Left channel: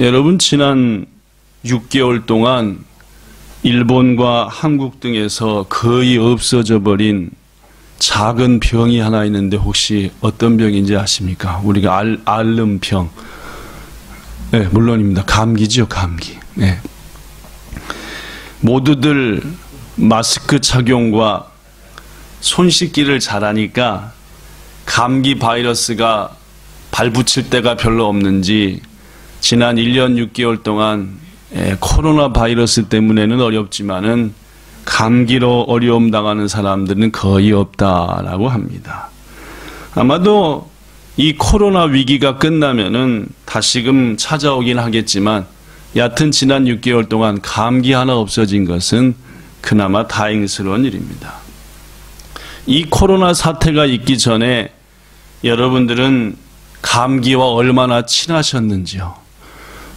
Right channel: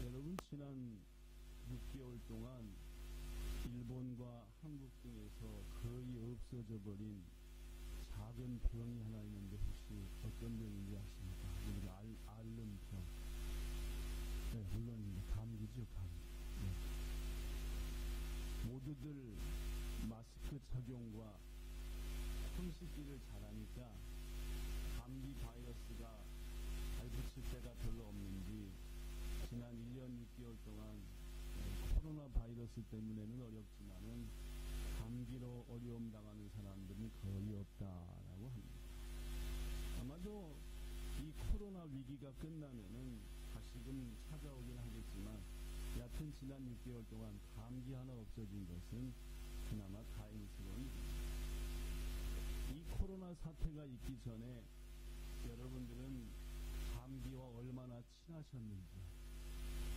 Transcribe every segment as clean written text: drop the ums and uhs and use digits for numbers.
여러분, 지난 6개월 동안 일본과 한국 등에서 거의 없어져 버린 작은 병이 하나 있는데 혹시 어떤 병인지 아십니까? 우리가 앓음병. 네, 물론입니다. 감기죠, 감기. 네. 모두들 마스크 착용과 손 씻기를 잘하니까 감기 바이러스가 발붙일 때가 별로 없는지 지난 1년 6개월 동안 코로나 바이러스 때문에는 어렵지만은 감기로 어려움 당하는 사람들은 거의 없다라고 합니다. 아마도 이 코로나 위기가 끝나면은 다시금 찾아오긴 하겠지만 여하튼 지난 6개월 동안 감기 하나 없어진 것은 그나마 다행스러운 일입니다. 이 코로나 사태가 있기 전에 여러분들은 감기와 얼마나 친하셨는지요?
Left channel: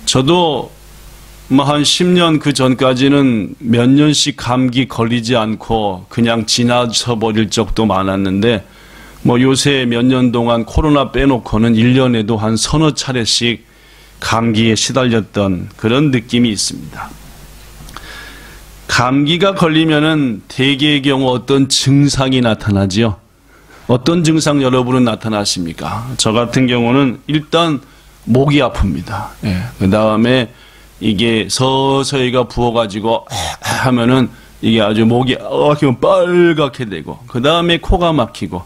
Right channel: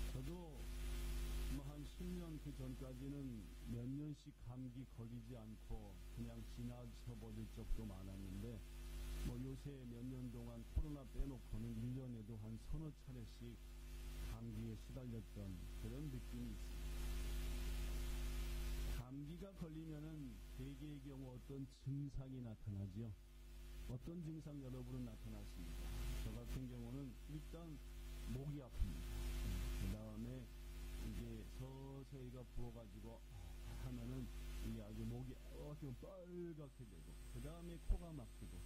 저도 한 10년 그 전까지는 몇 년씩 감기 걸리지 않고 그냥 지나쳐 버릴 적도 많았는데 요새 몇 년 동안 코로나 빼놓고는 1년에도 한 서너 차례씩 감기에 시달렸던 그런 느낌이 있습니다. 감기가 걸리면은 대개의 경우 어떤 증상이 나타나지요? 어떤 증상 여러분은 나타나십니까? 저 같은 경우는 일단 목이 아픕니다. 그 다음에 이게 서서히가 부어가지고 하면은 이게 아주 목이 빨갛게 되고 그 다음에 코가 막히고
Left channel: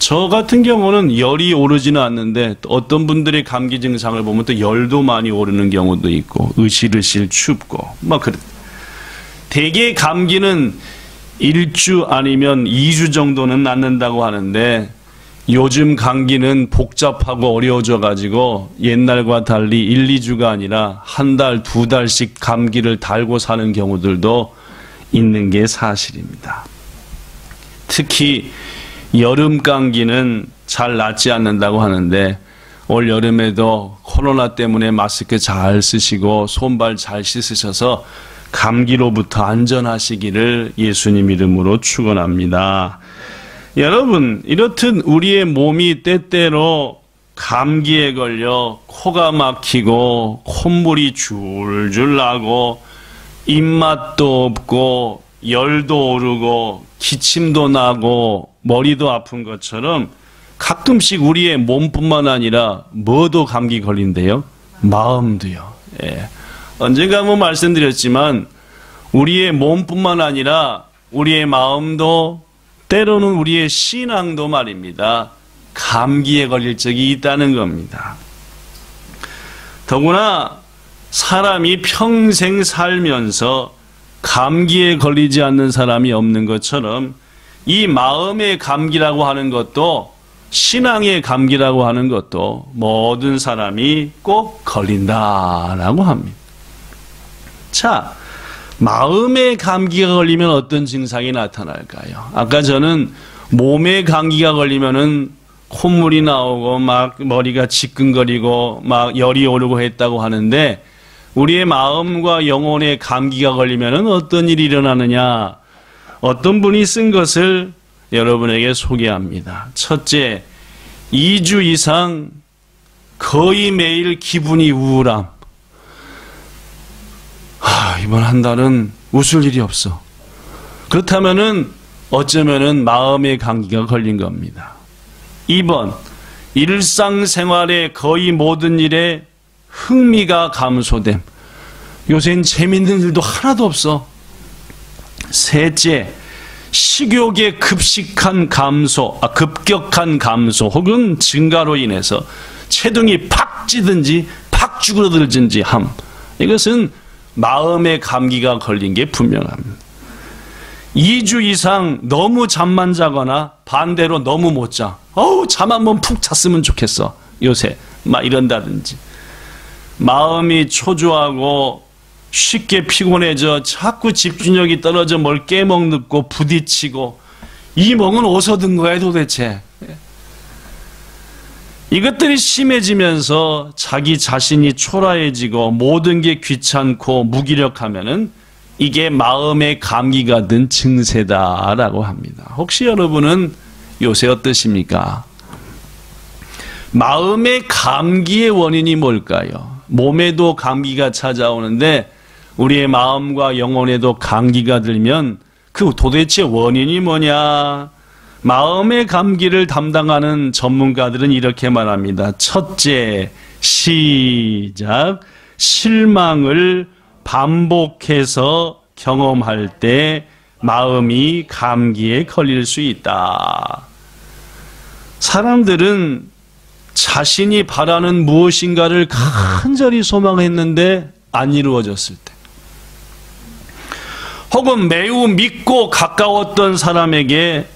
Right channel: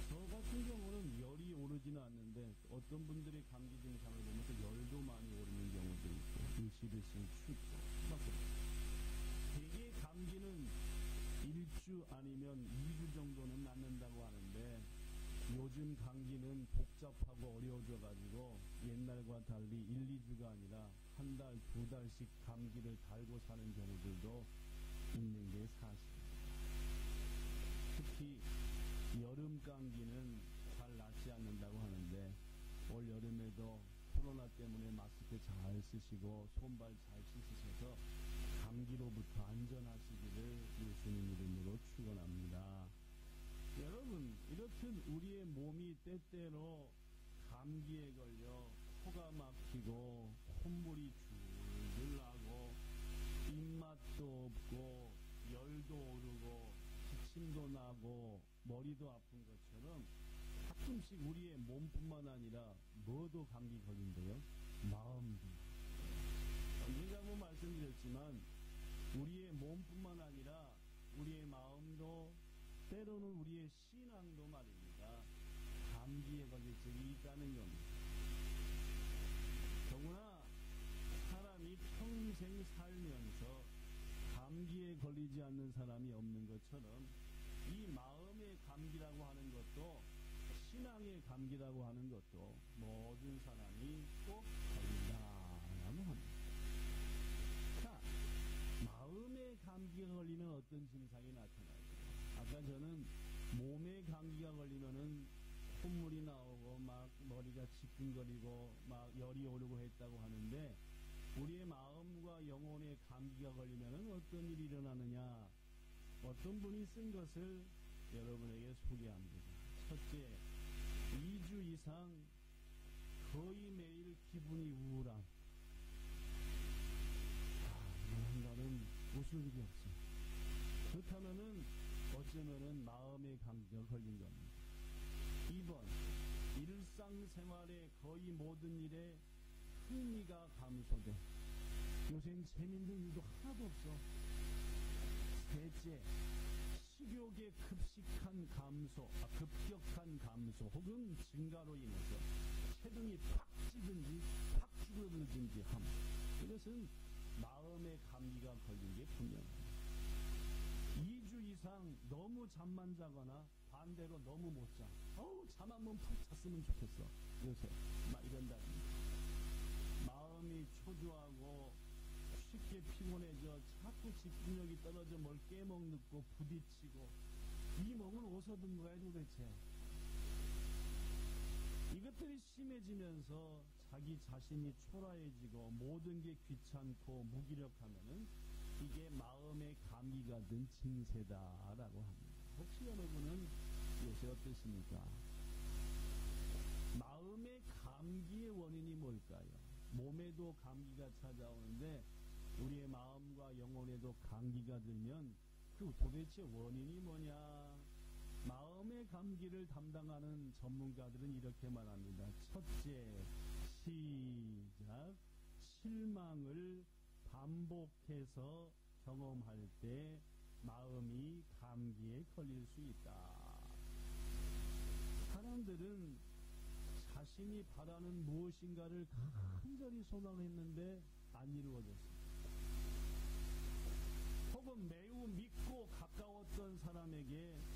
저 같은 경우는 열이 오르지는 않는데 어떤 분들의 감기 증상을 보면 또 열도 많이 오르는 경우도 있고 으실으실 춥고 그래. 대개 감기는 1주 아니면 2주 정도는 낫는다고 하는데 요즘 감기는 복잡하고 어려워져 가지고 옛날과 달리 1, 2주가 아니라 한 달, 두 달씩 감기를 달고 사는 경우들도 있는 게 사실입니다. 특히 여름 감기는 잘 낫지 않는다고 하는데 올 여름에도 코로나 때문에 마스크 잘 쓰시고 손발 잘 씻으셔서 감기로부터 안전하시기를 예수님 이름으로 축원합니다. 여러분, 이렇듯 우리의 몸이 때때로 감기에 걸려 코가 막히고 콧물이 줄줄 나고 입맛도 없고 열도 오르고 기침도 나고 머리도 아픈 것처럼 가끔씩 우리의 몸뿐만 아니라 뭐도 감기 걸린대요? 마음도요. 언젠가 한번 말씀드렸지만 우리의 몸뿐만 아니라 우리의 마음도 때로는 우리의 신앙도 말입니다. 감기에 걸릴 적이 있다는 겁니다. 더구나 사람이 평생 살면서 감기에 걸리지 않는 사람이 없는 것처럼 이 마음의 감기라고 하는 것도 신앙의 감기라고 하는 것도 모든 사람이 꼭 걸린다라고 합니다. 자, 마음의 감기가 걸리면 어떤 증상이 나타날까요? 아까 저는 몸의 감기가 걸리면은 콧물이 나오고 막 머리가 지끈거리고 막 열이 오르고 했다고 하는데 우리의 마음과 영혼의 감기가 걸리면은 어떤 일이 일어나느냐? 어떤 분이 쓴 것을 여러분에게 소개합니다. 첫째, 2주 이상 거의 매일 기분이 우울함. 이번 한 달은 웃을 일이 없어. 그렇다면은 어쩌면은 마음의 감기가 걸린 겁니다. 2번, 일상생활의 거의 모든 일에 흥미가 감소됨. 요새는 재밌는 일도 하나도 없어. 셋째, 식욕의 급격한 감소 혹은 증가로 인해서 체중이 팍 찌든지 팍 쭈그러들든지 함. 이것은 마음의 감기가 걸린 게 분명합니다. 2주 이상 너무 잠만 자거나 반대로 너무 못 자. 잠 한번 푹 잤으면 좋겠어. 요새 막 이런다든지. 마음이 초조하고 쉽게 피곤해져 자꾸 집중력이 떨어져 뭘 깨먹고 부딪히고 이 멍은 어디서 든 거야 도대체. 이것들이 심해지면서 자기 자신이 초라해지고 모든 게 귀찮고 무기력하면은 이게 마음의 감기가 든 증세다라고 합니다. 혹시 여러분은 요새 어떠십니까? 마음의 감기의 원인이 뭘까요? 몸에도 감기가 찾아오는데 우리의 마음과 영혼에도 감기가 들면 그 도대체 원인이 뭐냐? 마음의 감기를 담당하는 전문가들은 이렇게 말합니다. 첫째, 시작. 실망을 반복해서 경험할 때 마음이 감기에 걸릴 수 있다. 사람들은 자신이 바라는 무엇인가를 간절히 소망했는데 안 이루어졌을 때, 혹은 매우 믿고 가까웠던 사람에게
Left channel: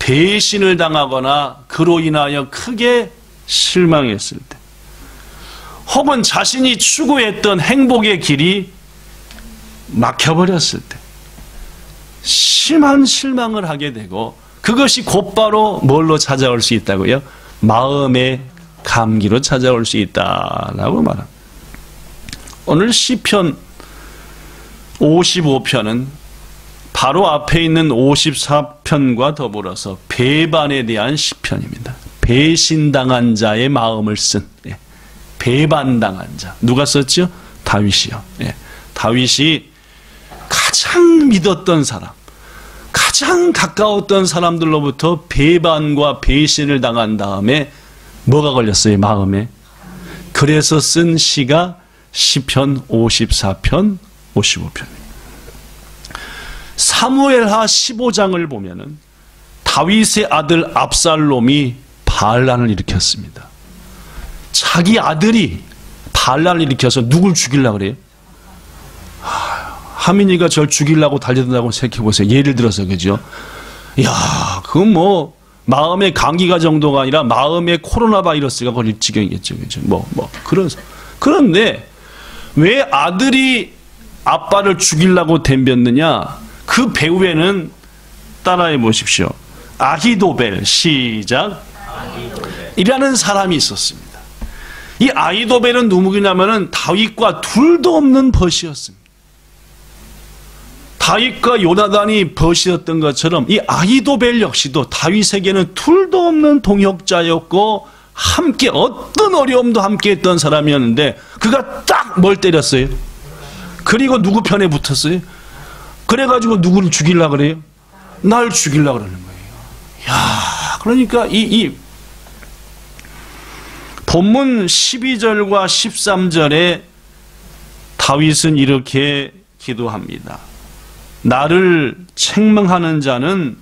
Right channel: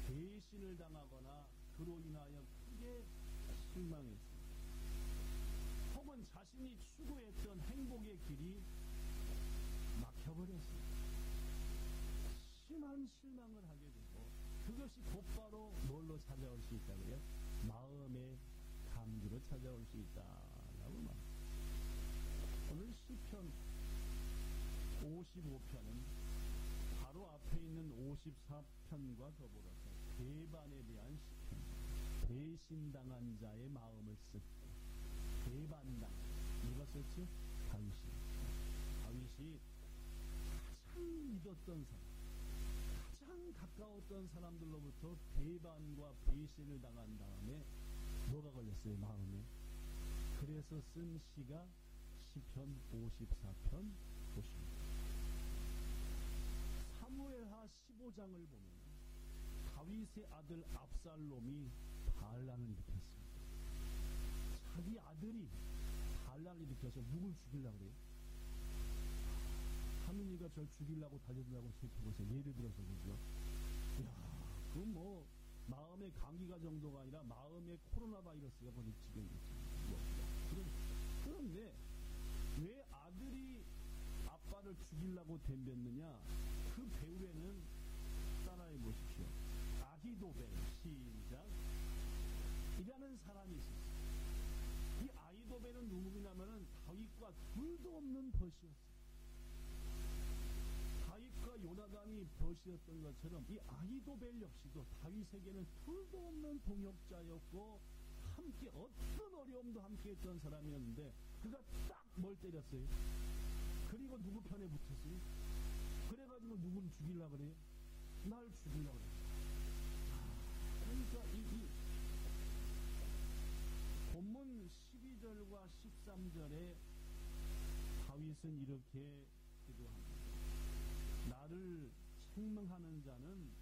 배신을 당하거나 그로 인하여 크게 실망했을 때, 혹은 자신이 추구했던 행복의 길이 막혀버렸을 때 심한 실망을 하게 되고, 그것이 곧바로 뭘로 찾아올 수 있다고요? 마음의 감기로 찾아올 수 있다라고 말합니다. 오늘 시편 55편은 바로 앞에 있는 54편과 더불어서 배반에 대한 시편입니다. 배신당한 자의 마음을 쓴, 배반당한 자. 누가 썼죠? 다윗이요. 다윗이 가장 믿었던 사람, 가장 가까웠던 사람들로부터 배반과 배신을 당한 다음에 뭐가 걸렸어요? 마음에. 그래서 쓴 시가 시편 54편, 55편. 사무엘하 15장을 보면은 다윗의 아들 압살롬이 반란을 일으켰습니다. 자기 아들이 반란을 일으켜서 누굴 죽이려고 그래요? 하민이가 절 죽이려고 달려든다고 생각해보세요. 예를 들어서, 그죠? 야, 그건 뭐 마음의 감기가 정도가 아니라 마음의 코로나 바이러스가 걸릴 지경이겠죠, 그죠? 그런데 왜 아들이 아빠를 죽이려고 덤볐느냐? 그 배후에는 따라해 보십시오. 아히도벨, 시작. 이라는 사람이 있었습니다. 이 아히도벨은 누구냐면은 다윗과 둘도 없는 벗이었습니다. 다윗과 요나단이 벗이었던 것처럼 이 아히도벨 역시도 다윗에게는 둘도 없는 동역자였고, 함께 어떤 어려움도 함께 했던 사람이었는데 그가 딱 뭘 때렸어요? 그리고 누구 편에 붙었어요? 그래가지고 누구를 죽이려고 그래요? 날 죽이려고 그러는 거예요. 야, 그러니까 이 본문 12절과 13절에 다윗은 이렇게 기도합니다. 나를 책망하는 자는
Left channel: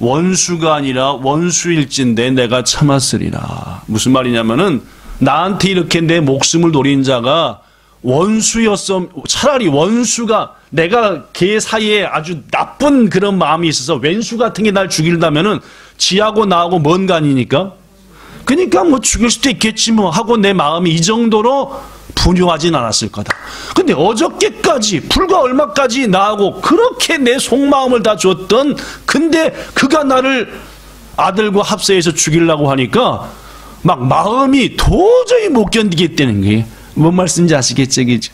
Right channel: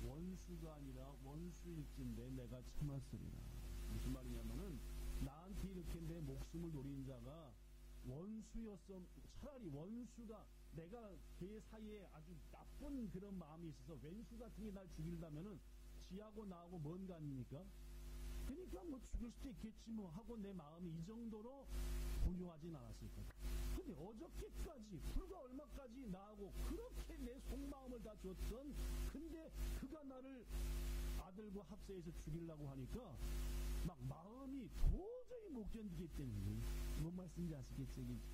원수가 아니라 원수일진데 내가 참았으리라. 무슨 말이냐면은 나한테 이렇게 내 목숨을 노린 자가 원수였어. 차라리 원수가, 내가 걔 사이에 아주 나쁜 그런 마음이 있어서 왼수 같은 게 날 죽일다면은 지하고 나하고 먼 간이니까, 그러니까 뭐 죽일 수도 있겠지 뭐 하고 내 마음이 이 정도로 분유하진 않았을 거다. 근데 어저께까지, 불과 얼마까지 나하고 그렇게 내 속마음을 다 줬던, 근데 그가 나를 아들과 합세해서 죽이려고 하니까 막 마음이 도저히 못 견디겠다는 거예요. 뭔 말씀인지 아시겠죠? 그죠?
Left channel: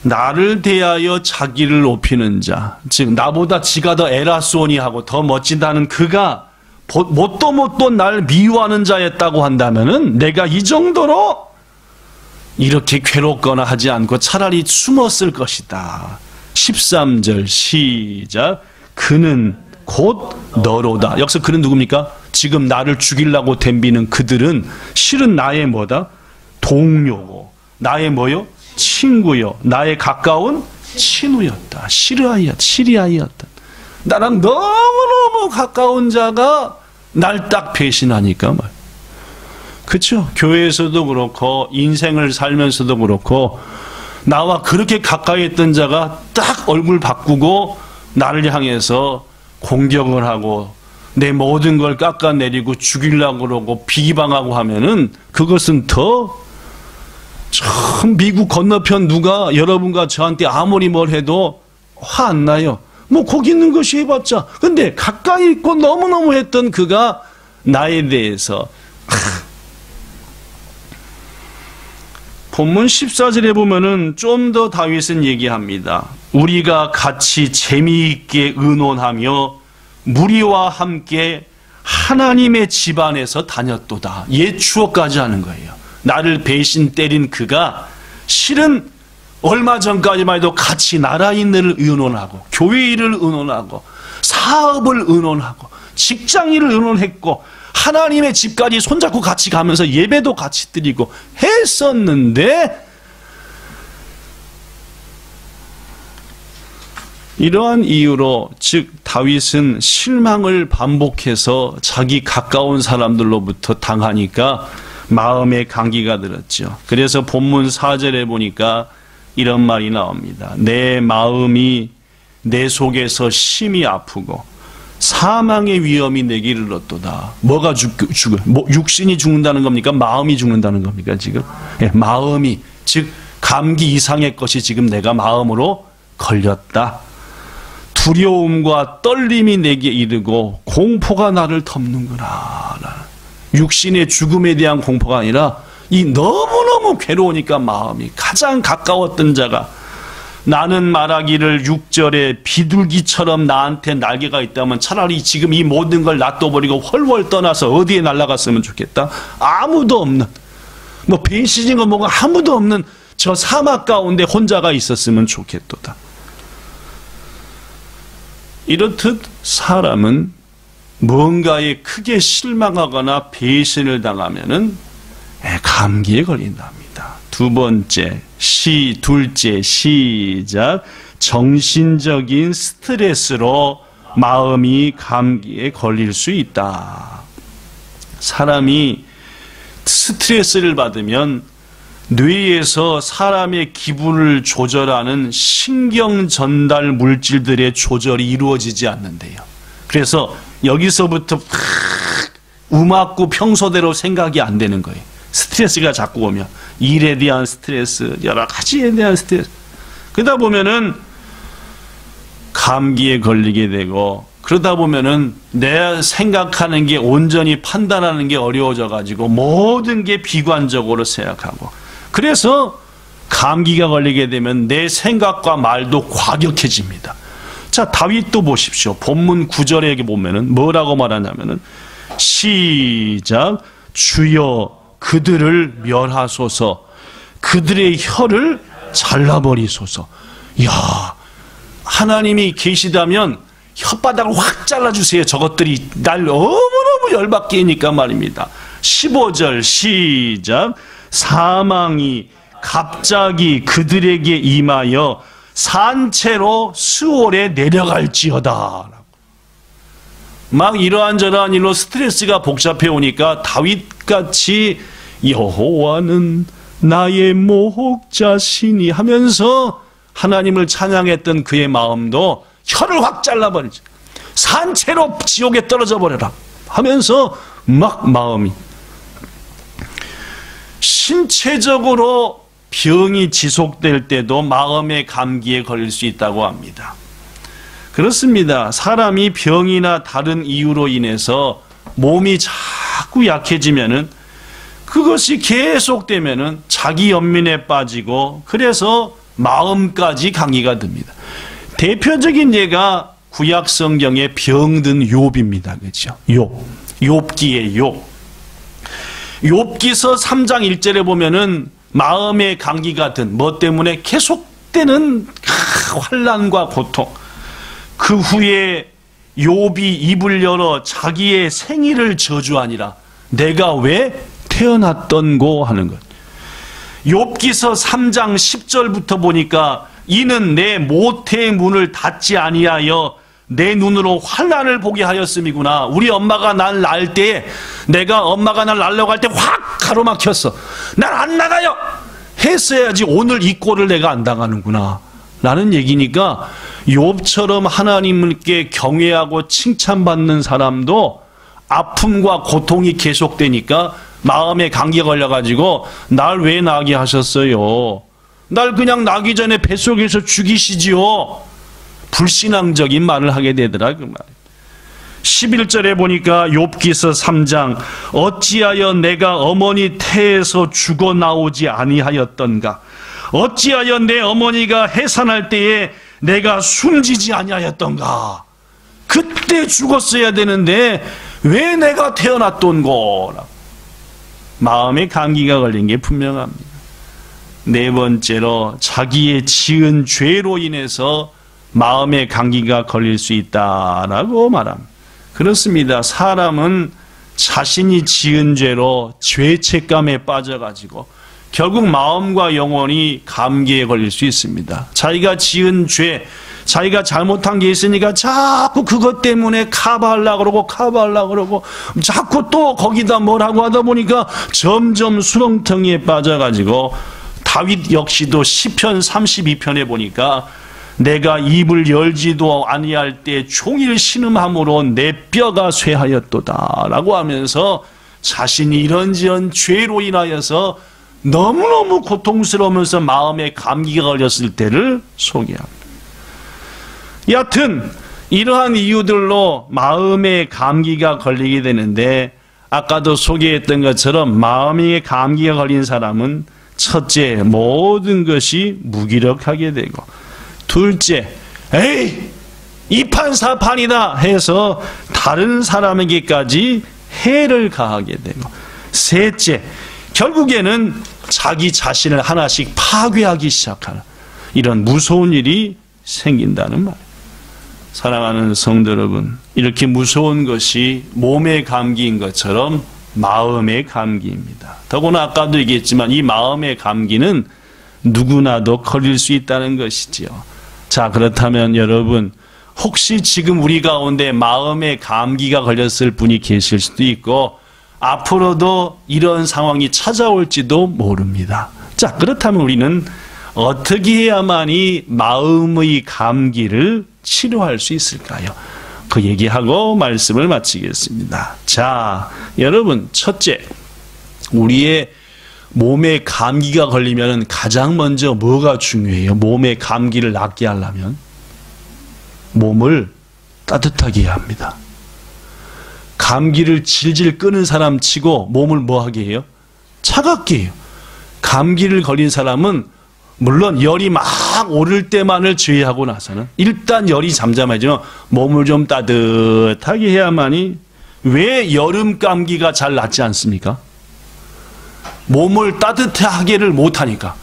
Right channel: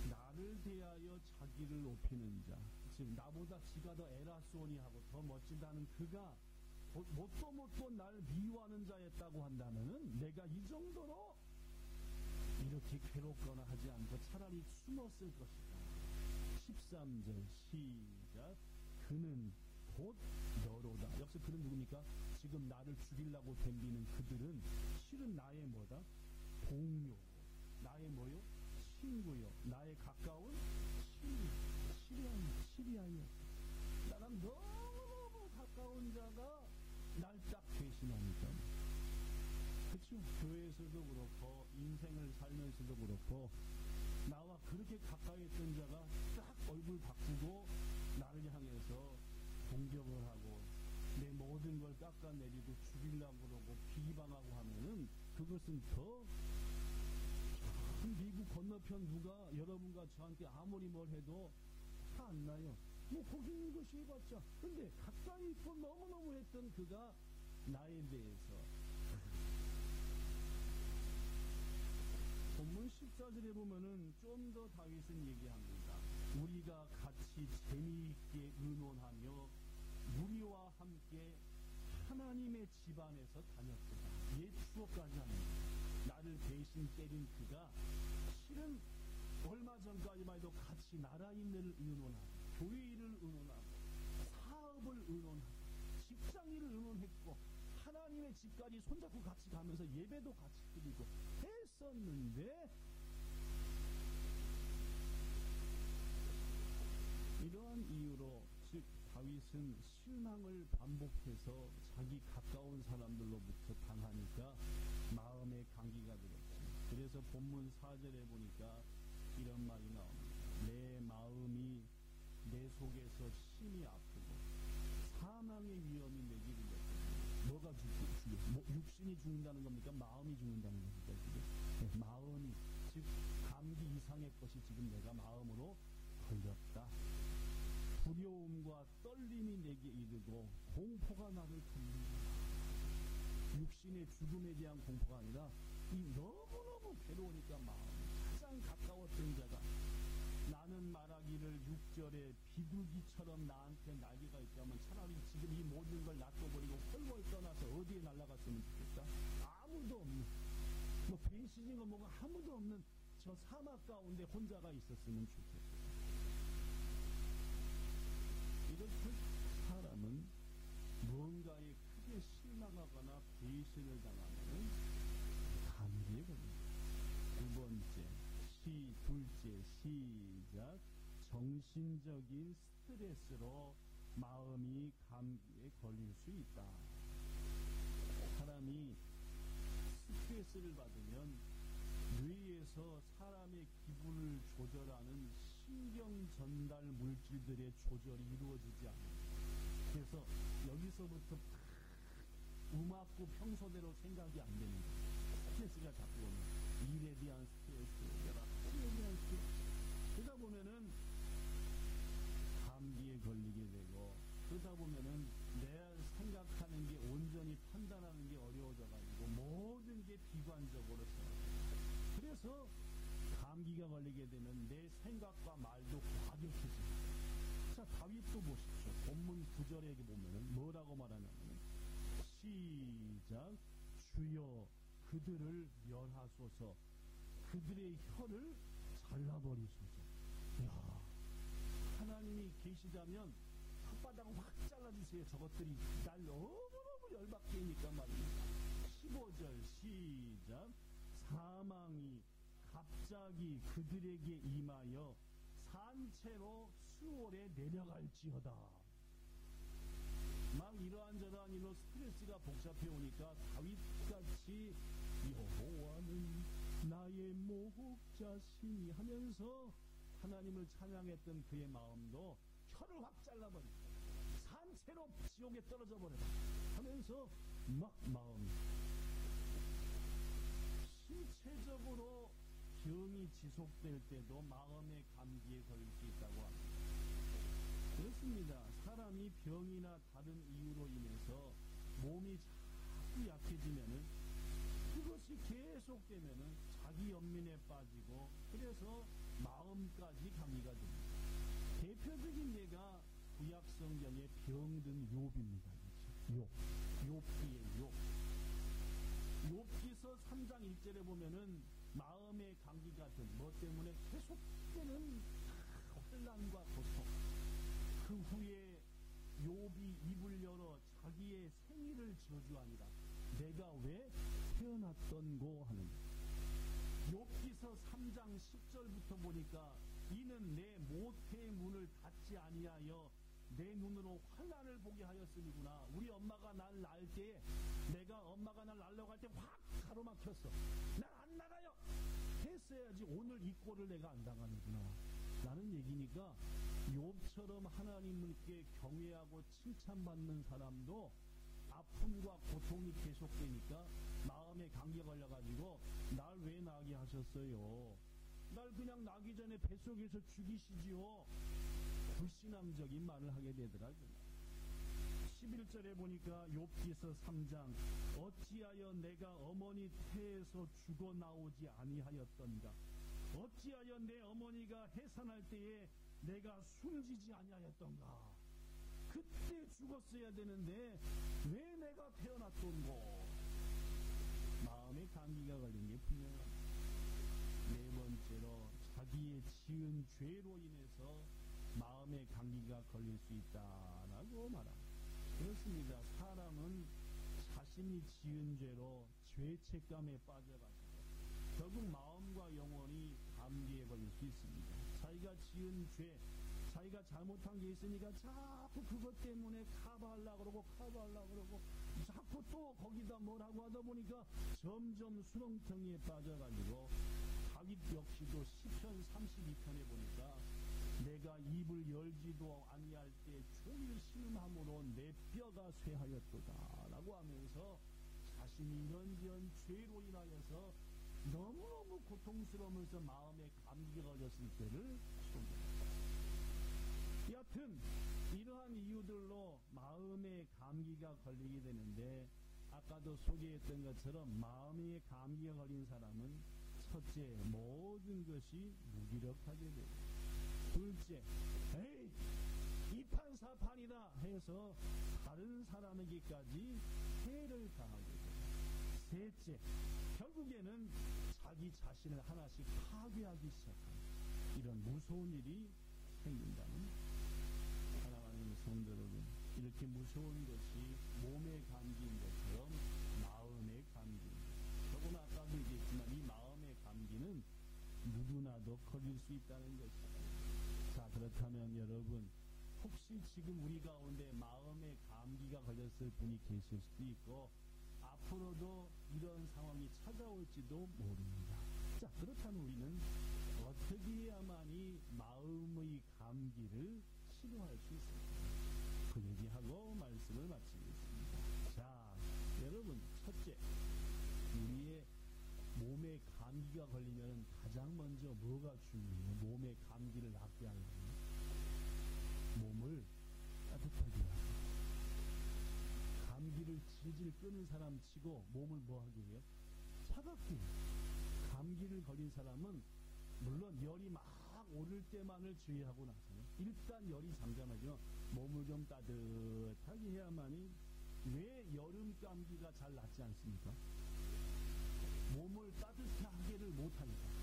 나를 대하여 자기를 높이는 자, 즉 나보다 지가 더 에라소니하고 더 멋지다는 그가 뭣도 날 미워하는 자였다고 한다면은 내가 이 정도로 이렇게 괴롭거나 하지 않고 차라리 숨었을 것이다. 13절 시작. 그는 곧 너로다. 여기서 그는 누굽니까? 지금 나를 죽이려고 덤비는 그들은 실은 나의 뭐다? 동료고, 나의 뭐요? 친구요, 나의 가까운 친구였다. 시리아이였다. 나랑 너무너무 가까운 자가 날 딱 배신하니까 말. 그렇죠? 교회에서도 그렇고 인생을 살면서도 그렇고 나와 그렇게 가까이 했던 자가 딱 얼굴 바꾸고 나를 향해서 공격을 하고 내 모든 걸 깎아내리고 죽이려고 그러고 비방하고 하면은 그것은 더 참 미국 건너편 누가 여러분과 저한테 아무리 뭘 해도 화 안 나요. 뭐 거기 있는 것이 해봤자. 근데 가까이 있고 너무너무 했던 그가 나에 대해서 본문 14절에 보면은 좀 더 다윗은 얘기합니다. 우리가 같이 재미있게 의논하며 무리와 함께 하나님의 집안에서 다녔도다. 옛 추억까지 하는 거예요. 나를 배신 때린 그가 실은 얼마 전까지만 해도 같이 나라 일을 의논하고 교회 일을 의논하고 사업을 의논하고 직장 일을 의논했고 하나님의 집까지 손잡고 같이 가면서 예배도 같이 드리고 했었는데 이러한 이유로 즉 다윗은 실망을 반복해서 자기 가까운 사람들로부터 당하니까 마음에 감기가 들었죠. 그래서 본문 4절에 보니까 이런 말이 나옵니다. 내 마음이 내 속에서 심히 아프고 사망의 위험이 내게 이르렀도다. 뭐가 죽어요? 육신이 죽는다는 겁니까? 마음이 죽는다는 겁니까? 지금 마음이 즉 감기 이상의 것이 지금 내가 마음으로 걸렸다. 두려움과 떨림이 내게 이르고 공포가 나를 덮는구나. 육신의 죽음에 대한 공포가 아니라 이 너무너무 괴로우니까 마음이 가장 가까웠던 자가 나는 말하기를 6절에 비둘기처럼 나한테 날개가 있다면 차라리 지금 이 모든 걸 놔둬버리고 훨훨 떠나서 어디에 날아갔으면 좋겠다. 아무도 없는 뭐 배신인가 뭐가 아무도 없는 저 사막 가운데 혼자가 있었으면 좋겠도다. 이렇듯 사람은 뭔가에 크게 실망하거나 배신을 당하면은 감기에 걸린답니다. 두 번째, 둘째 시작. 정신적인 스트레스로 마음이 감기에 걸릴 수 있다. 사람이 스트레스를 받으면 뇌에서 사람의 기분을 조절하는 신경 전달 물질들의 조절이 이루어지지 않는데요. 그래서 여기서부터 음악고 평소대로 생각이 안 되는 거예요. 스트레스가 자꾸 오면 일에 대한 스트레스, 여러 가지에 대한 스트레스. 그러다 보면은 감기에 걸리게 되고 그러다 보면은 내가 생각하는 게 온전히 판단하는 게 어려워져 가지고 모든 게 비관적으로 생각하고 그래서 감기가 걸리게 되면 내 생각과 말도 과격해집니다. 자, 다윗도 보십시오. 본문 9절에 보면은 뭐라고 말하냐면은 시작. 주여 그들을 멸하소서. 그들의 혀를 잘라버리소서. 이야, 하나님이 계시다면 혓바닥을 확 잘라주세요. 저것들이 날 너무너무 열받게 하니까 말입니다. 15절 시작. 사망이 갑자기 그들에게 임하여 산채로 수월에 내려갈지어다. 막 이러한저러한 일로 스트레스가 복잡해 오니까 다윗같이 여호와는 나의 목자시니 하면서 하나님을 찬양했던 그의 마음도 혀를 확 잘라버리죠. 산채로 지옥에 떨어져 버려라 하면서 막 마음이 신체적으로 병이 지속될 때도 마음의 감기에 걸릴 수 있다고 합니다. 그렇습니다. 사람이 병이나 다른 이유로 인해서 몸이 자꾸 약해지면은 그것이 계속되면은 자기 연민에 빠지고 그래서 마음까지 감기가 듭니다. 대표적인 예가 구약 성경의 병든 욥입니다. 그렇죠? 욥기의 욥. 욥기서 3장 1절에 보면은 마음의 감기가 든 뭐 때문에 계속되는 환난과 고통. 그 후에 욥이 입을 열어 자기의 생일을 저주하니라. 내가 왜 태어났던고 하는 것. 욥기서 3장 10절부터 보니까 이는 내 모태의 문을 닫지 아니하여 내 눈으로 환난을 보게 하였음이구나. 우리 엄마가 날 낳을 때에 내가 엄마가 날 낳으려고 할 때 확 가로막혔어. 날 안 나가요 했어야지 오늘 이 꼴을 내가 안 당하는구나 라는 얘기니까 욥처럼 하나님께 경외하고 칭찬받는 사람도 아픔과 고통이 계속되니까 마음에 감기가 걸려가지고 날 왜 나게 하셨어요? 날 그냥 나기 전에 뱃속에서 죽이시지요. 불신앙적인 말을 하게 되더라 그 말. 11절에 보니까 욥기서 3장 어찌하여 내가 어머니 태에서 죽어 나오지 아니하였던가. 어찌하여 내 어머니가 해산할 때에 내가 숨지지 아니하였던가. 그때 죽었어야 되는데 왜 내가 태어났던고? 마음에 감기가 걸린 게 분명합니다. 네 번째로 자기의 지은 죄로 인해서 마음에 감기가 걸릴 수 있다라고 말합니다. 그렇습니다. 사람은 자신이 지은 죄로 죄책감에 빠져가지고 결국 마음과 영혼이 감기에 걸릴 수 있습니다. 자기가 지은 죄, 자기가 잘못한 게 있으니까 자꾸 그것 때문에 커버하려고 그러고 자꾸 또 거기다 뭐라고 하다 보니까 점점 수렁텅이에 빠져가지고 다윗 역시도 시편 32편에 보니까 내가 입을 열지도 아니할 때 종일 신음함으로 내 뼈가 쇠하였도다 라고 하면서 자신이 이런저런 죄로 인하여서 너무너무 고통스러우면서 마음에 감기가 걸렸을 때를 소개합니다. 여하튼 이러한 이유들로 마음에 감기가 걸리게 되는데 아까도 소개했던 것처럼 마음에 감기가 걸린 사람은 첫째, 모든 것이 무기력하게 되고, 둘째, 에이 이판사판이다 해서 다른 사람에게까지 해를 가하게 되고, 셋째, 결국에는 자기 자신을 하나씩 파괴하기 시작하는 이런 무서운 일이 생긴다는 말이에요. 사랑하는 성도 여러분, 이렇게 무서운 것이 몸의 감기인 것처럼 마음의 감기입니다. 더구나 아까도 얘기했지만 이 마음의 감기는 누구나도 걸릴 수 있다는 것이지요. 자, 그렇다면 여러분, 혹시 지금 우리 가운데 마음의 감기가 걸렸을 분이 계실 수도 있고 앞으로도 이런 상황이 찾아올지도 모릅니다. 자, 그렇다면 우리는 어떻게 해야만이 마음의 감기를 치료할 수 있을까요? 그 얘기하고 말씀을 마치겠습니다. 자, 여러분, 첫째, 우리의 몸에 감기가 걸리면 가장 먼저 뭐가 중요해요? 몸의 감기를 낫게 하려면 몸을 따뜻하게 해야 합니다. 감기를 질질 끄는 사람 치고 몸을 뭐하게 해요? 차갑게 해요. 감기를 걸린 사람은 물론 열이 막 오를 때만을 제외하고 나서는 일단 열이 잠잠해지면 몸을 좀 따뜻하게 해야만이. 왜 여름 감기가 잘 낫지 않습니까? 몸을 따뜻하게를 못하니까.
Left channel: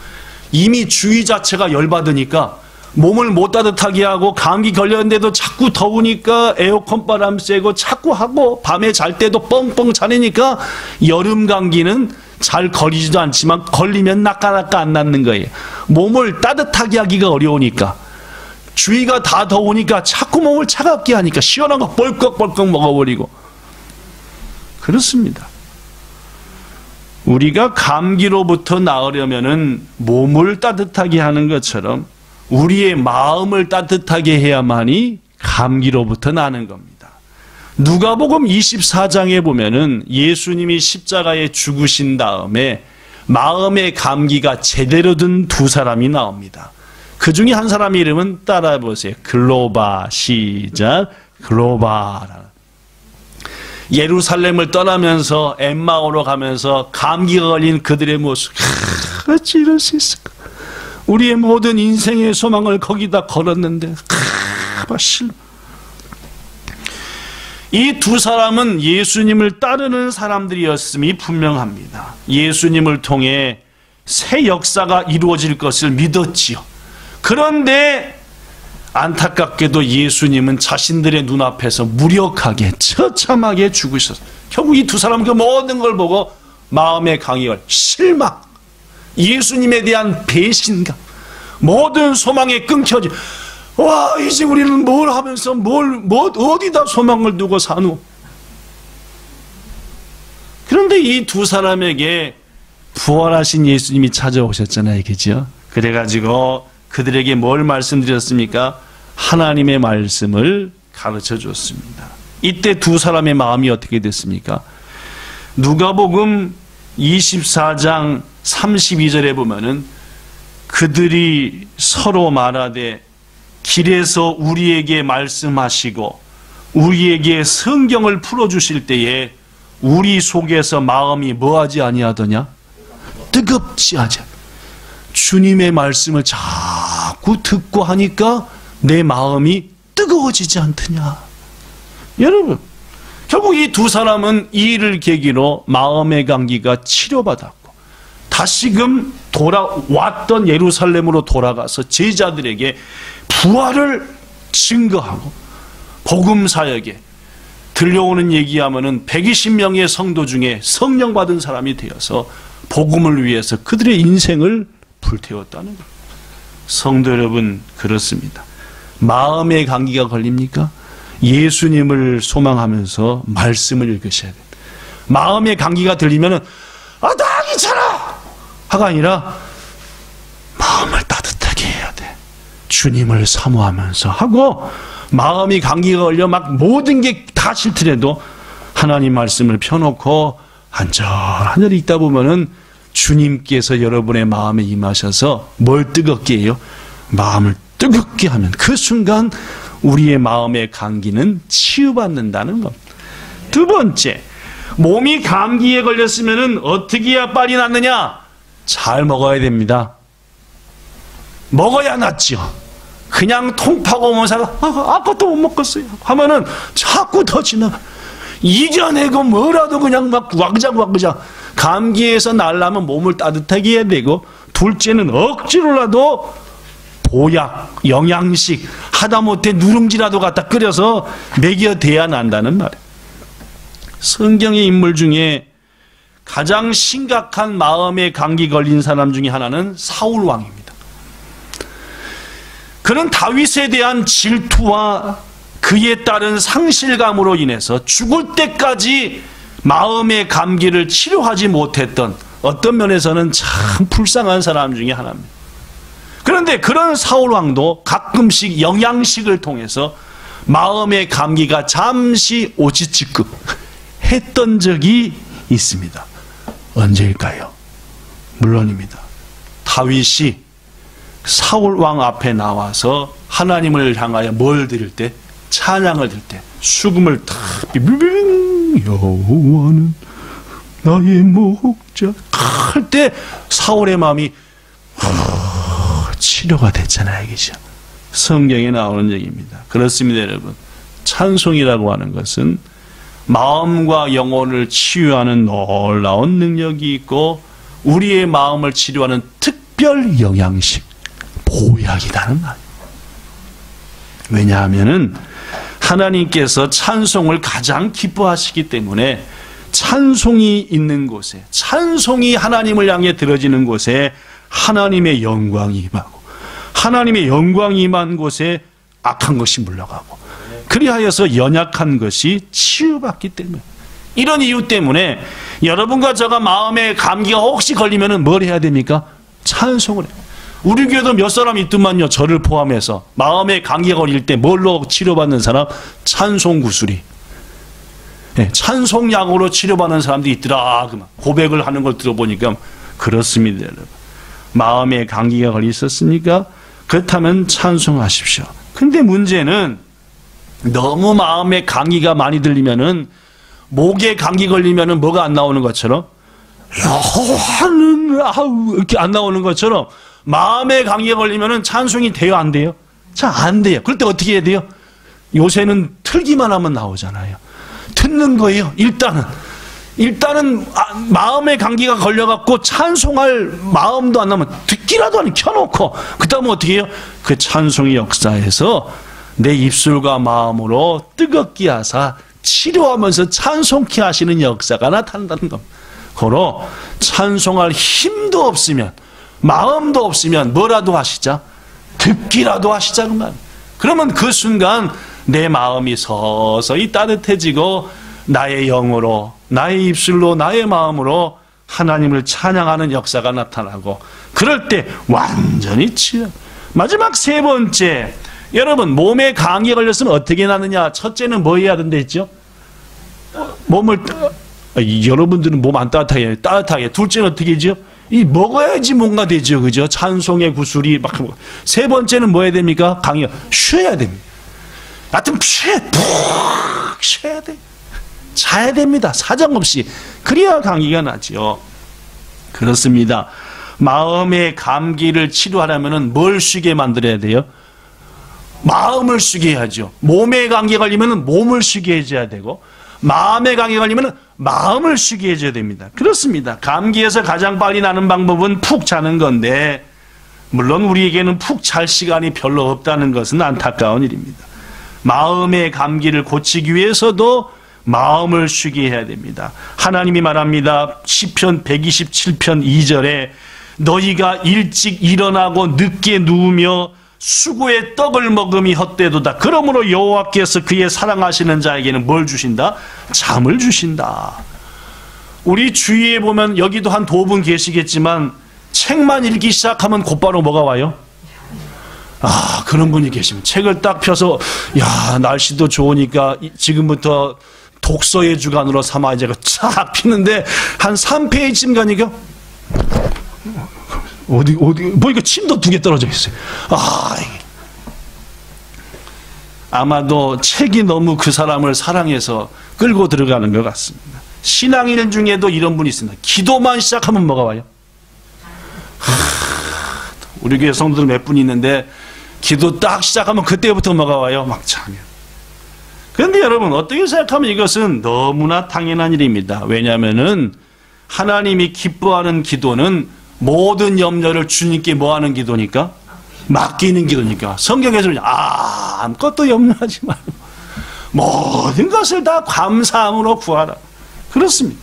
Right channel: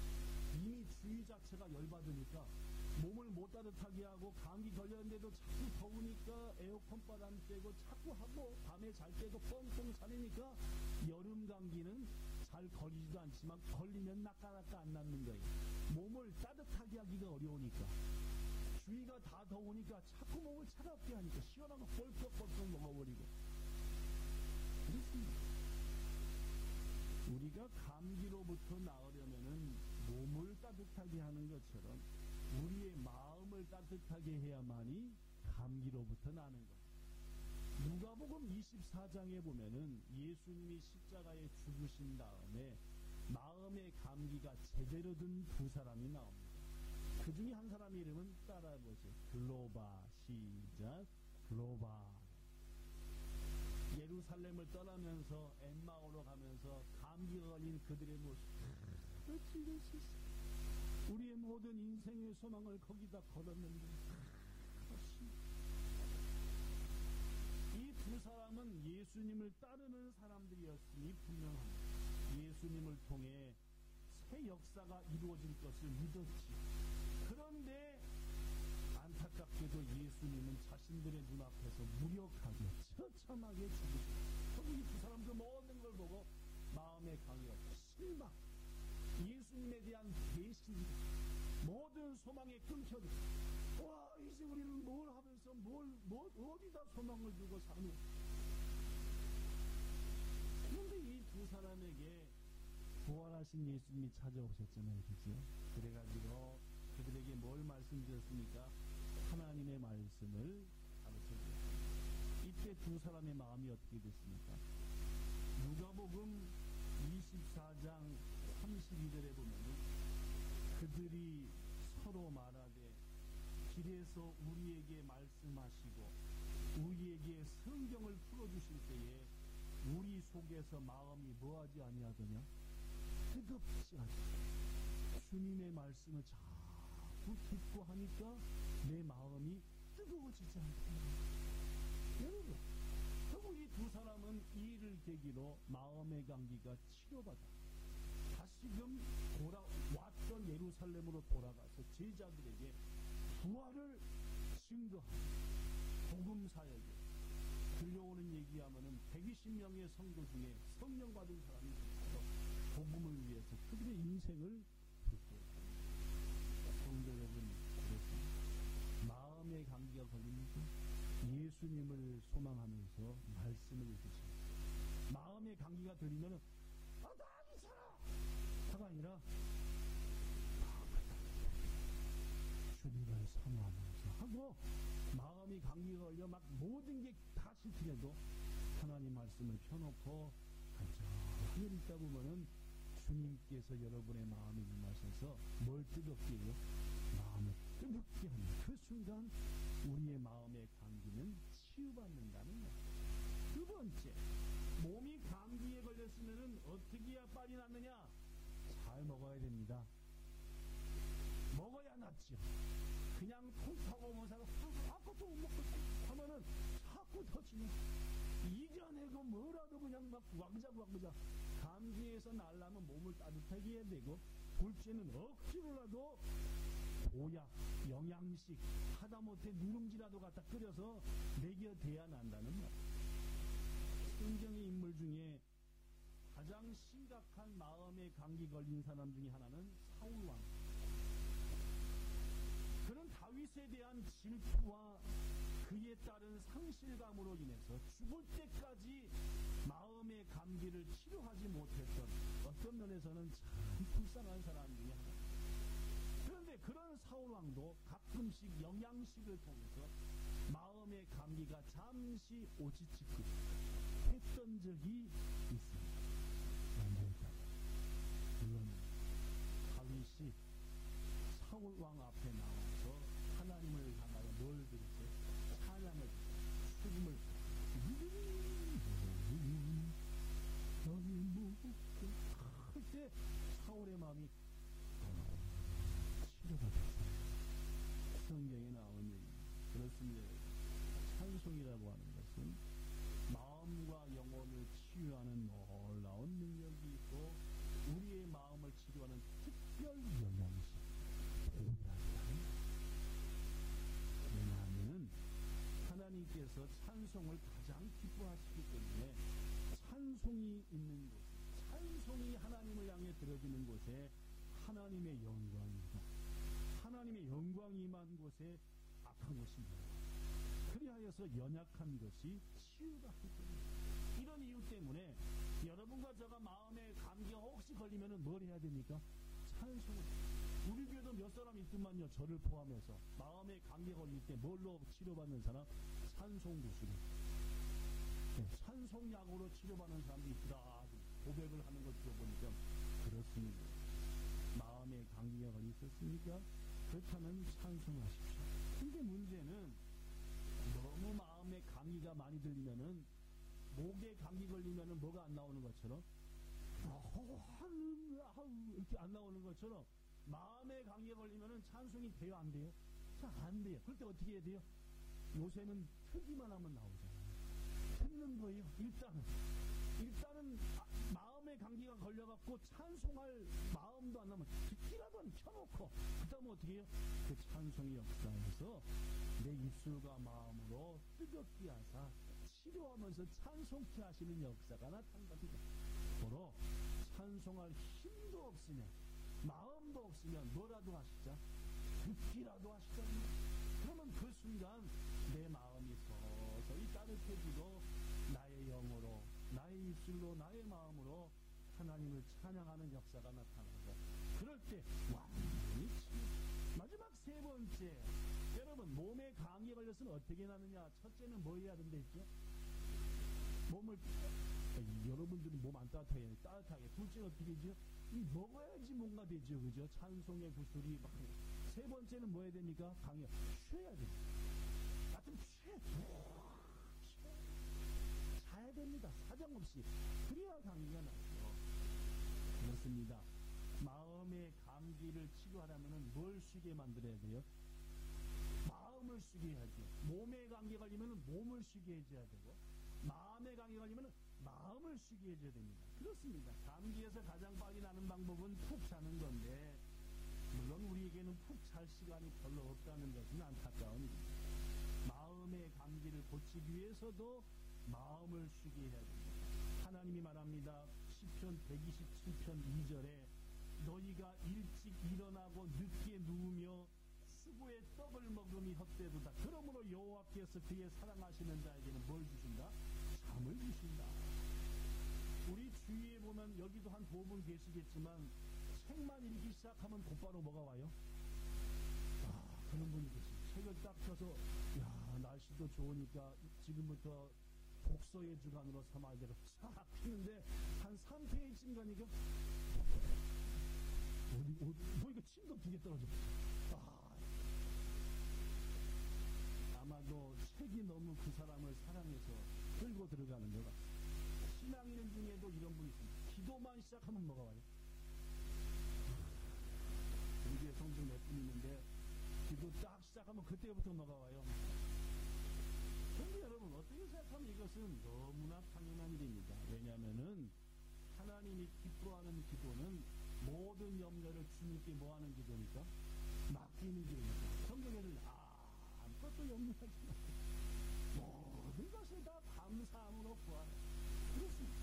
이미 주위 자체가 열받으니까 몸을 못 따뜻하게 하고 감기 걸렸는데도 자꾸 더우니까 에어컨 바람 쐬고 자꾸 하고 밤에 잘 때도 뻥뻥 자니까 여름 감기는 잘 걸리지도 않지만 걸리면 나까나까 안 낫는 거예요. 몸을 따뜻하게 하기가 어려우니까, 주위가 다 더우니까 자꾸 몸을 차갑게 하니까 시원한 거 벌컥벌컥 먹어버리고. 그렇습니다. 우리가 감기로부터 나으려면은 몸을 따뜻하게 하는 것처럼 우리의 마음을 따뜻하게 해야만이 감기로부터 나는 겁니다. 누가복음 24장에 보면은 예수님이 십자가에 죽으신 다음에 마음의 감기가 제대로 든 두 사람이 나옵니다. 그 중에 한 사람의 이름은 따라해 보세요. 글로바. 시작. 글로바. 예루살렘을 떠나면서 엠마오로 가면서 감기가 걸린 그들의 모습. 어찌 이럴 수 있을까? 우리의 모든 인생의 소망을 거기다 걸었는데 이 두 사람은 예수님을 따르는 사람들이었음이 분명합니다. 예수님을 통해 새 역사가 이루어질 것을 믿었지요. 그런데 안타깝게도 예수님은 자신들의 눈앞에서 무력하게 처참하게 죽으셨어요. 결국 이 두 사람은 그 모든 걸 보고 마음의 강의가 실망, 예수님에 대한 배신감, 모든 소망이 끊겨지. 와, 이제 우리는 뭘 하면서 어디다 소망을 두고 사노? 그런데 이 두 사람에게 부활하신 예수님이 찾아오셨잖아요, 그죠? 그래가지고 그들에게 뭘 말씀드렸습니까? 하나님의 말씀을 가르쳐 줬습니다. 이때 두 사람의 마음이 어떻게 됐습니까? 누가복음 24장 32절에 보면은 그들이 서로 말하되 길에서 우리에게 말씀하시고 우리에게 성경을 풀어주실 때에 우리 속에서 마음이 뭐하지 아니하더냐? 뜨겁지 하지. 주님의 말씀을 자꾸 듣고 하니까 내 마음이 뜨거워지지 않더냐? 여러분, 결국 이 두 사람은 이 일을 계기로 마음의 감기가 치료받았고 다시금 돌아왔던 예루살렘으로 돌아가서 제자들에게 부활을 증거하고 복음 사역에 들려오는 얘기하면은 120명의 성도 중에 성령 받은 사람이 되어서 복음을 위해서 그들의 인생을 불태웠다는 겁니다. 성도 여러분, 그렇습니다. 마음의 감기가 걸립니까? 예수님을 소망하면서 말씀을 읽으셔야 돼요. 마음의 감기가 들리면은 나 괜찮아! 하가 아니라 마음을 따뜻하게 해야 돼. 주님을 사모하면서 하고, 마음이 감기가 걸려 막 모든 게 다 싫더라도 하나님 말씀을 펴놓고 한절한절 읽다 보면은 주님께서 여러분의 마음에 임하셔서 뭘 뜨겁게 해요? 마음을 뜨겁게 하면 그 순간 우리의 마음의 감기는 치유받는다는 것. 두 번째, 몸이 감기에 걸렸으면은 어떻게 해야 빨리 낫느냐? 잘 먹어야 됩니다. 먹어야 낫죠. 그냥 통파고 오면 사람 아까도 못 먹었어요 하면은 자꾸 더 지나가. 이겨내고 뭐라도 그냥 막 와그작 감기에서 날라면 몸을 따뜻하게 해야 되고, 둘째는 억지로라도 보약, 영양식, 하다못해 누룽지라도 갖다 끓여서 먹여대야 난다는 말이에요. 성경의 인물 중에 가장 심각한 마음의 감기 걸린 사람 중에 하나는 사울 왕입니다. 그는 다윗에 대한 질투와 그에 따른 상실감으로 인해서 죽을 때까지 마음의 감기를 치료하지 못했던, 어떤 면에서는 참 불쌍한 사람 중에 하나입니다. 그런데 그런 사울 왕도 가끔씩 영양식을 통해서 마음의 감기가 잠시 오지치급 했던 적이 있습니다. 언제일까요? 물론입니다. 다윗이 사울 왕 앞에 나와서 하나님을 향하여 뭘 드릴 때? 찬양을 드릴 때 수금을 탁 비빙 여호와는 나의 목자 할 때 사울의 마음이 치료가 됐잖아요. 그죠? 성경에 나오는 얘기입니다. 그렇습니다, 여러분. 찬송이라고 하는 것은 마음과 영혼을 치유하는 놀라운 능력이 있고 우리의 마음을 치료하는 특별 영양식, 보약이라는 말. 왜냐하면은 하나님께서 찬송을 가장 기뻐하시기 때문에 찬송이 있는 곳에, 찬송이 하나님을 향해 들어지는 곳에 하나님의 영광이 임하고, 하나님의 영광이 임한 곳에 악한 것이 물러가고, 그리하여서 연약한 것이 치유받기 때문에, 이런 이유 때문에 여러분과 저가 마음에 감기가 혹시 걸리면은 뭘 해야 됩니까? 찬송을 해요. 우리 교회도 몇 사람 있더만요. 저를 포함해서 마음에 감기가 걸릴 때 뭘로 치료받는 사람? 찬송 구슬이. 네, 찬송약으로 치료받는 사람들이 있더라. 그만 고백을 하는 걸 들어보니까 그렇습니다, 여러분. 마음에 감기가 걸려 있었습니까? 그렇다면 찬송하십시오. 근데 문제는 너무 마음에 감기가 많이 들리면은, 목에 감기 걸리면은 뭐가 안 나오는 것처럼, 여호와는 이렇게 안 나오는 것처럼 마음에 감기가 걸리면은 찬송이 돼요, 안 돼요? 잘 안 돼요. 그럴 때 어떻게 해야 돼요? 요새는 틀기만 하면 나오잖아요. 듣는 거예요. 일단은 마음에 감기가 걸려갖고 찬송할 마음도 안 나면 듣기라도 안 켜놓고, 그 다음에 어떻게 해요? 그 찬송의 역사에서 내 입술과 마음으로 뜨겁게 하사 치료하면서 찬송케 하시는 역사가 나타난다는 겁니다. 고로 찬송할 힘도 없으면, 마음도 없으면 뭐라도 하시자, 듣기라도 하시자 그 말. 그러면 그 순간 내 마음이 서서히 따뜻해지고 나의 영으로, 나의 입술로, 나의 마음으로 하나님을 찬양하는 역사가 나타나고, 그럴 때 완전히 치유. 마지막 세 번째, 여러분 몸에 감기에 걸렸으면 어떻게 나느냐? 첫째는 뭐 해야 된다 했죠? 몸을, 여러분들은 몸 안 따뜻하게. 둘째는 어떻게 하죠? 먹어야지 뭔가 되죠. 그죠? 찬송의 구슬이 막. 세 번째는 뭐 해야 됩니까? 감기가 쉬어야 됩니다. 하여튼 푹 쉬어야 돼. 자야 됩니다. 사정없이. 그래야 감기가 나죠. 그렇습니다. 마음의 감기를 치료하려면 뭘 쉬게 만들어야 돼요? 마음을 쉬게 해야죠. 몸에 감기 걸리면 몸을 쉬게 해줘야 되고, 마음의 감기에 걸리면 마음을 쉬게 해줘야 됩니다. 그렇습니다. 감기에서 가장 빨리 나는 방법은 푹 자는 건데 물론 우리에게는 푹 잘 시간이 별로 없다는 것은 안타까운 일입니다. 마음의 감기를 고치기 위해서도 마음을 쉬게 해야 됩니다. 하나님이 말합니다. 시편 127편 2절에 너희가 일찍 일어나고 늦게 누우며 수고의 떡을 먹음이 헛되도다. 그러므로 여호와께서 그의 사랑하시는 자에게는 뭘 주신다? 잠을 주신다. 우리 주위에 보면 여기도 한 두 분 계시겠지만 책만 읽기 시작하면 곧바로 뭐가 와요? 그런 분이 계시면 책을 딱 펴서 날씨도 좋으니까 지금부터 독서의 주간으로 삼아 이제 쫙 피는데 한 3페이지쯤 가니까 어디 보니까 침도 2개 떨어져 있어요. 아마도 책이 너무 그 사람을 사랑해서 끌고 들어가는 것 같습니다. 신앙인 중에도 이런 분이 있습니다. 기도만 시작하면 뭐가 와요? 우리 교회 성도들 몇 분 있는데 기도 딱 시작하면 그때부터 뭐가 와요? 막 참여. 그런데 여러분 어떻게 생각하면 이것은 너무나 당연한 일입니다. 왜냐하면은 하나님이 기뻐하는 기도는 모든 염려를 주님께 뭐하는 기도니까? 맡기는 기도니까. 성경에서는 아무것도 염려하지 말고 모든 것을 다 감사함으로 구하라. 그렇습니다.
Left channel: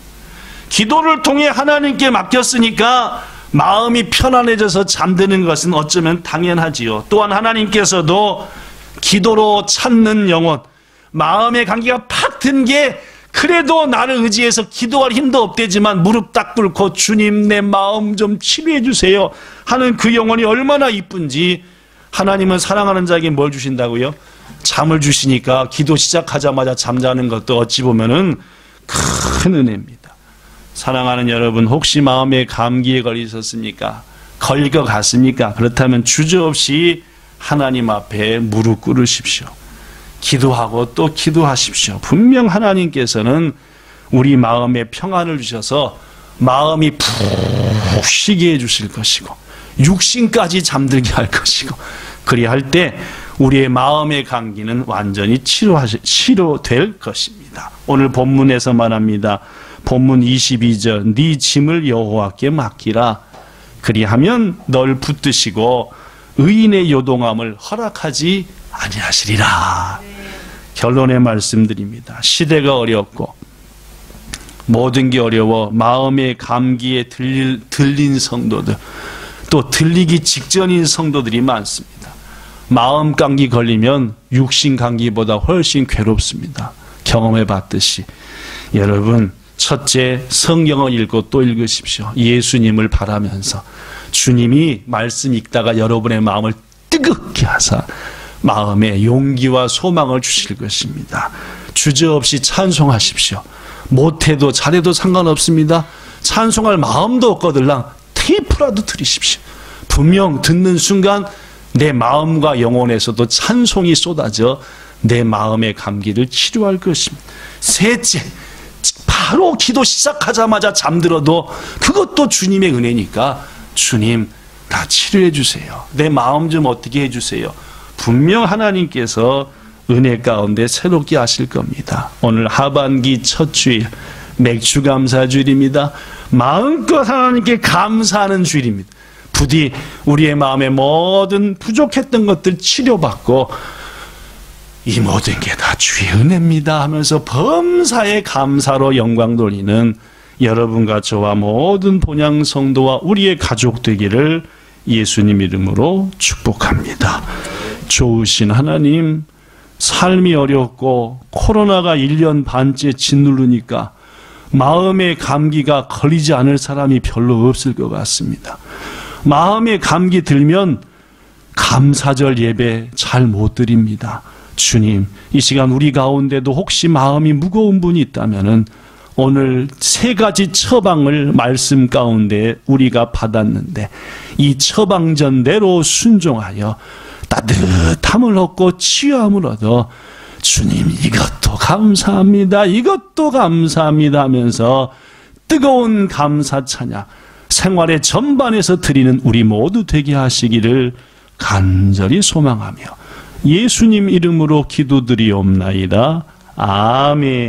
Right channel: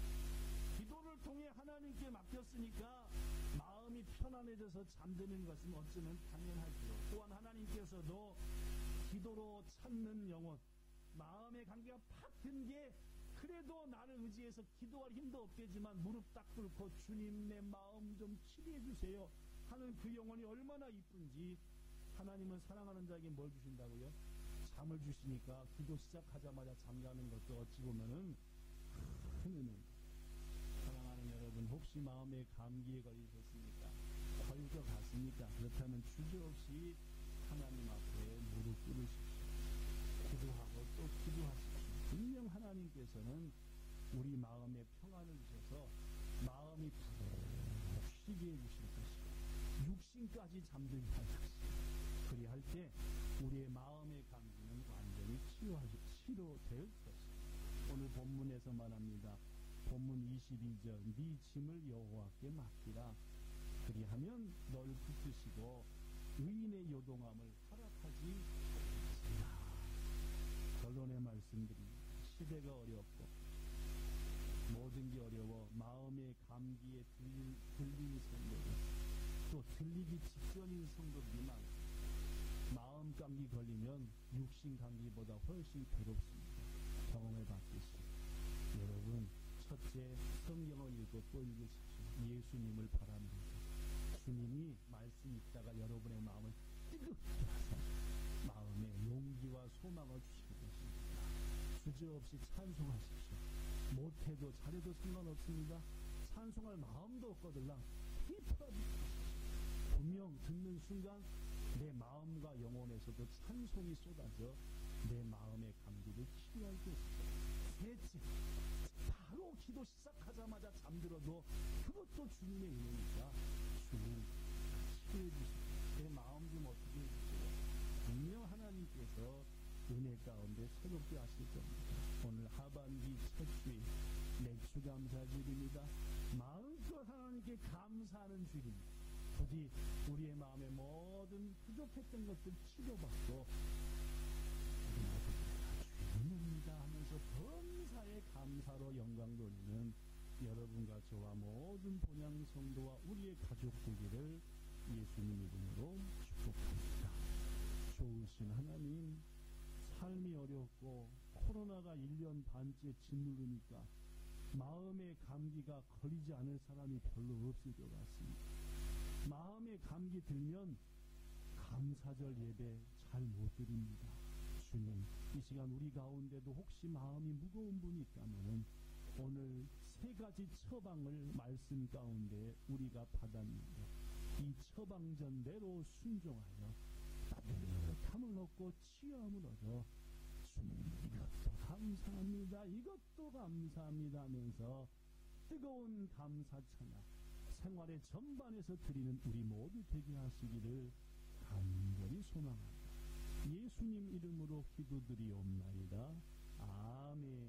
기도를 통해 하나님께 맡겼으니까 마음이 편안해져서 잠드는 것은 어쩌면 당연하지요. 또한 하나님께서도 기도로 찾는 영혼, 마음의 감기가 팍 든 게 그래도 나를 의지해서 기도할 힘도 없대지만 무릎 딱 꿇고 주님 내 마음 좀 치료해 주세요 하는 그 영혼이 얼마나 이쁜지 하나님은 사랑하는 자에게 뭘 주신다고요? 잠을 주시니까 기도 시작하자마자 잠자는 것도 어찌 보면은 큰 은혜입니다. 사랑하는 여러분, 혹시 마음에 감기에 걸리셨습니까? 걸릴 것 같습니까? 그렇다면 주저없이 하나님 앞에 무릎 꿇으십시오. 기도하고 또 기도하십시오. 분명 하나님께서는 우리 마음에 평안을 주셔서 마음이 푹 쉬게 해주실 것이고 육신까지 잠들게 할 것이고 그리할 때 우리의 마음의 감기는 완전히 치료될 것입니다. 오늘 본문에서 말합니다. 본문 22절 네 짐을 여호와께 맡기라. 그리하면 널 붙드시고 의인의 요동함을 허락하지 아니하시리라. 결론의 말씀드립니다. 시대가 어렵고 모든 게 어려워 마음의 감기에 들린 성도들 또 들리기 직전인 성도들이 많습니다. 마음 감기 걸리면 육신 감기보다 훨씬 괴롭습니다. 경험해 봤듯이 여러분 첫째 성경을 읽고 또 읽으십시오. 예수님을 바라면서 주님이 말씀 읽다가 여러분의 마음을 뜨겁게 하사 마음에 용기와 소망을 주실 것입니다. 주저없이 찬송하십시오. 못해도 잘해도 상관없습니다. 찬송할 마음도 없거들랑 테이프라도 들이십시오. 분명 듣는 순간 내 마음과 영혼에서도 찬송이 쏟아져 내 마음의 감기를 치료할 것입니다. 셋째, 바로 기도 시작하자마자 잠들어도 그것도 주님의 은혜니까 주님 다 치료해 주세요. 내 마음 좀 어떻게 해주세요. 분명 하나님께서 은혜 가운데 새롭게 하실 겁니다. 오늘 하반기 첫 주일 맥주 감사 주일입니다. 마음껏 하나님께 감사하는 주일입니다. 부디 우리의 마음의 모든 부족했던 것들 치료받고 이 모든 게 다 주의 은혜입니다 하면서 범사에 감사로 영광 돌리는 여러분과 저와 모든 본향 성도와 우리의 가족 되기를 예수님 이름으로 축복합니다. 좋으신 하나님, 삶이 어렵고 코로나가 1년 반째 짓누르니까 마음의 감기가 걸리지 않을 사람이 별로 없을 것 같습니다. 마음의 감기 들면 감사절 예배 잘 못 드립니다. 주님, 이 시간 우리 가운데도 혹시 마음이 무거운 분이 있다면은 오늘 3가지 처방을 말씀 가운데 우리가 받았는데 이 처방전대로 순종하여 따뜻함을 얻고 치유함을 얻어 주님 이것도 감사합니다, 이것도 감사합니다 하면서 뜨거운 감사 찬양 생활의 전반에서 드리는 우리 모두 되게 하시기를 간절히 소망하며 예수님 이름으로 기도드리옵나이다. 아멘.